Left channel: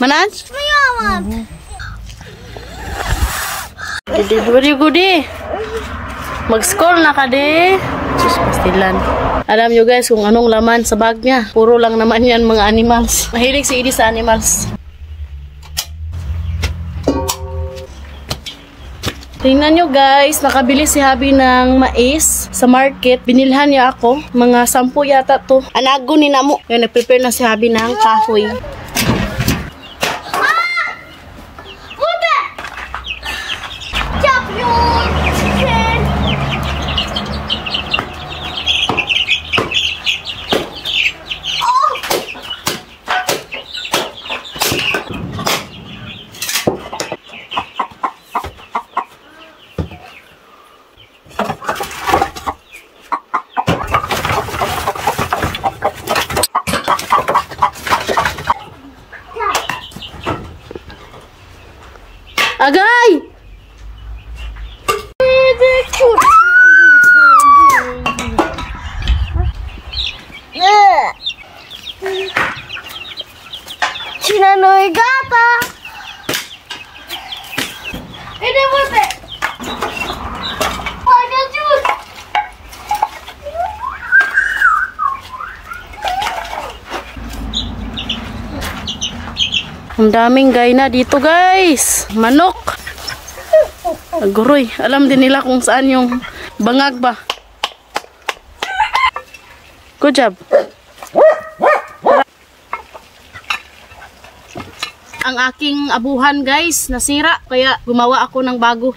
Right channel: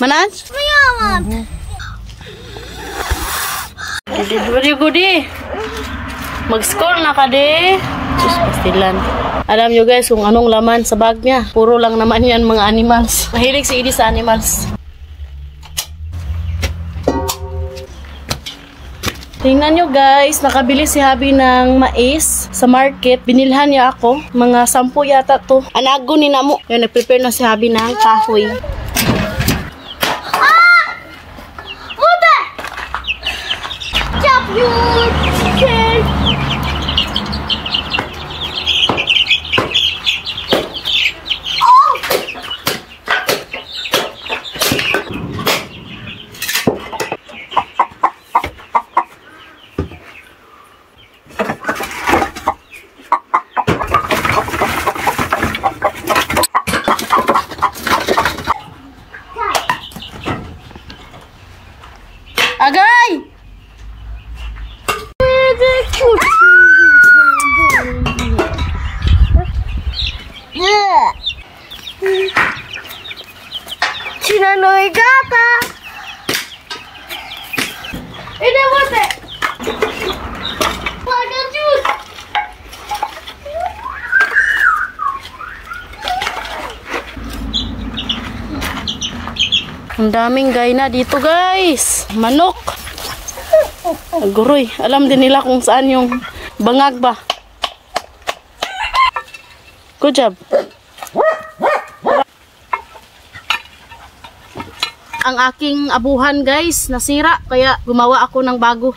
Manan? Gudi. Mag-school na ka di. Sus, pastilan. Alam nyo guys kung anong laman sa bag niya. Puro lang naman yan mga animals. Mahilig si Edie sa animals. Tingnan nyo guys, nakabili si Habi ng mais sa market. Binilhan niya ako. Mga 10 yata to. Anago ni Namo. Yan, nag-prepare na si Habi ng kahoy. Agay! Sinanoy gata! Ini wate! Pakai jus! Ang daming gayna dito guys. Manok. Aguroy. Alam din nila kung saan yung bangag ba. Good job. Ang aking abuhan guys nasira. Kaya gumawa ako ng bago.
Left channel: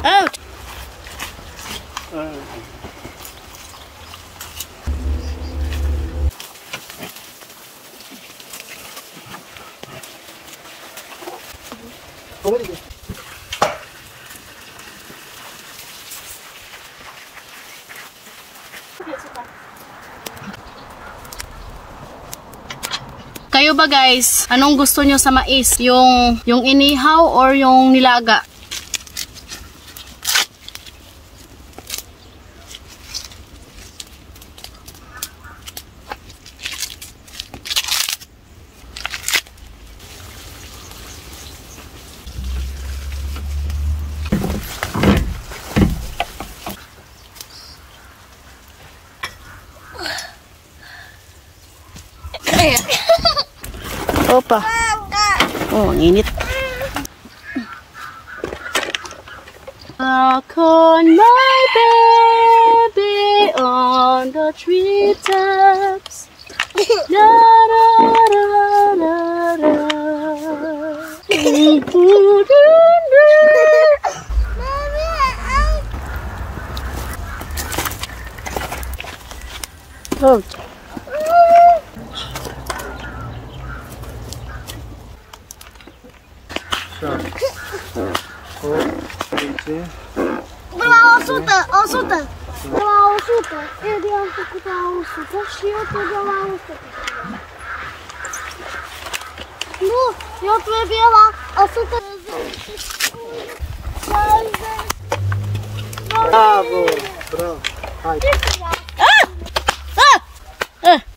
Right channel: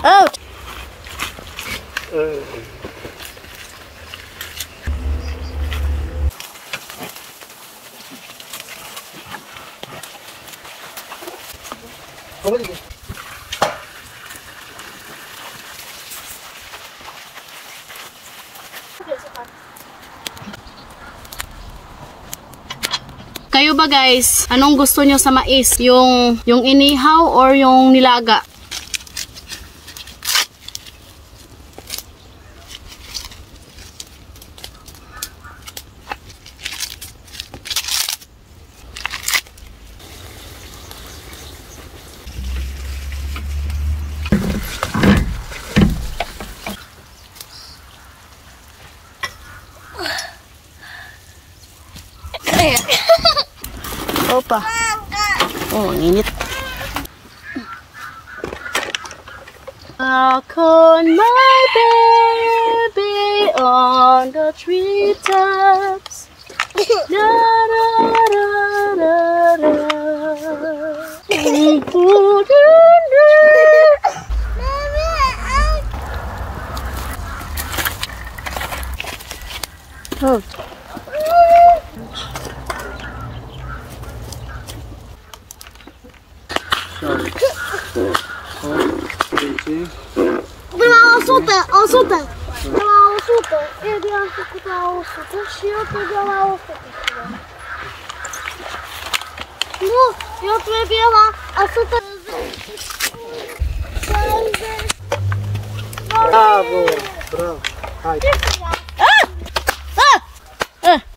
Out. Kayo ba guys, anong gusto nyo sa mais? Yung inihaw or yung nilaga? Opa. Oh, ang init. On my baby on the treetops. Da da da da da. Oh.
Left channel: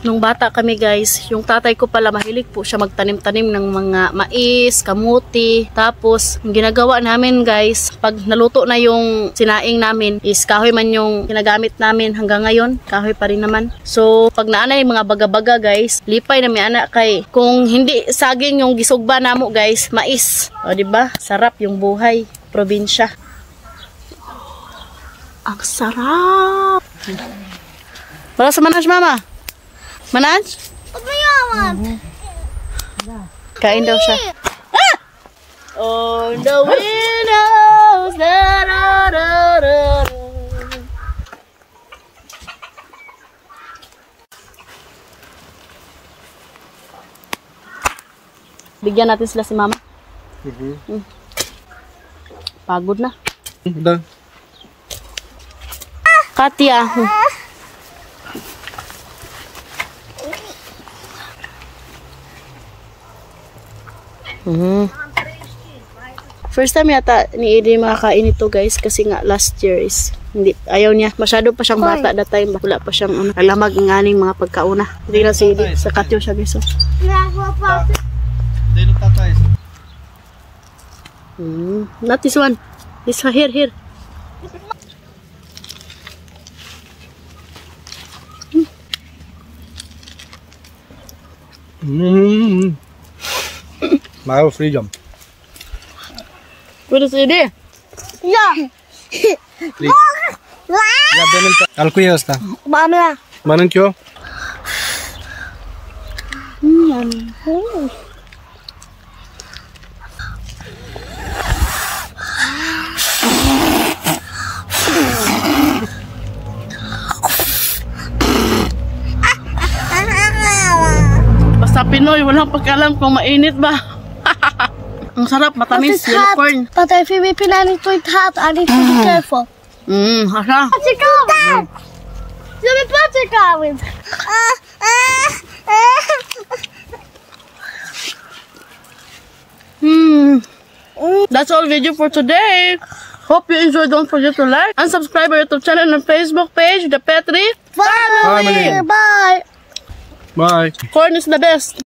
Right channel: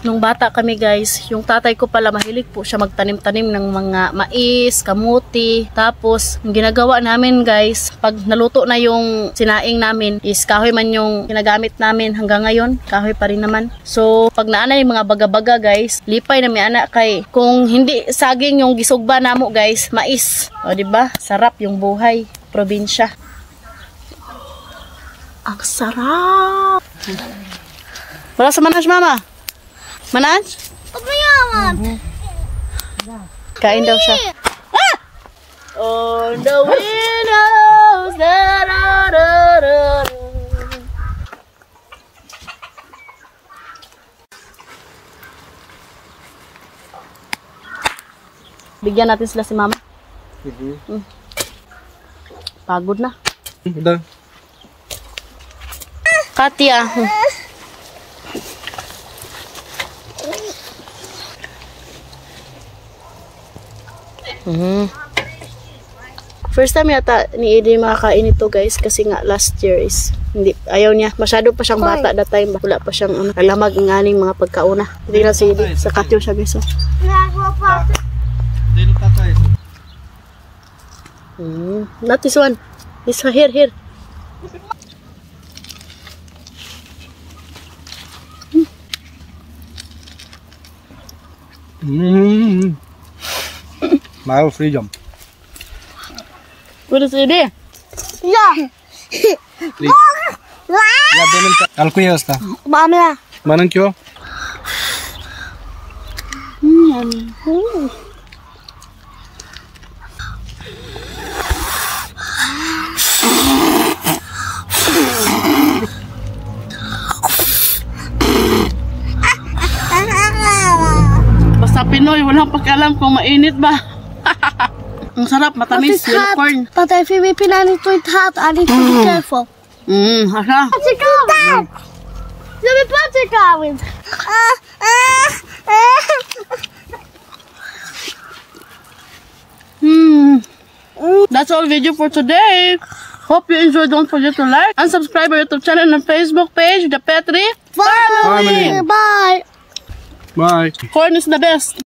Nung bata kami guys, yung tatay ko pala mahilig po siya magtanim-tanim ng mga mais, kamuti. Tapos, yung ginagawa namin guys, pag naluto na yung sinaing namin, is kahoy man yung ginagamit namin hanggang ngayon. Kahoy pa rin naman. So, pag naana yung mga baga-baga guys, lipay na may anak kay. Kung hindi saging yung gisugba namo guys, mais. O diba? Sarap yung buhay. Probinsya. Ang sarap! Wala sa manas mama? Manan? Kain daw siya. Ah! On the windows. Da, da, da, da. Bigyan natin sila si mama. Pagod na. Katya. First time yata ni Eden makakain ito guys kasi nga last year is hindi ayaw niya. Masyado pa siyang bata that time. Wala pa siyang alamag ng aning mga pagkauna. Hindi na si Eden. Sa katyo siya guys. Not this one. This one here. My freedom. What is it? Ja. Ja benim alkuya usta. Mama. Manın ki o? Basta Pinoy, walang pagkalam kung mainit ba. Ang sarap, matamis, unicorn. But if you whip it and it's hot, I need to be careful. Asa? What's it going? Let me put it going. That's all video for today. Hope you enjoyed. Don't forget to like and subscribe our YouTube channel and Facebook page, The Petri Family. Bye. Bye. Corn is the best.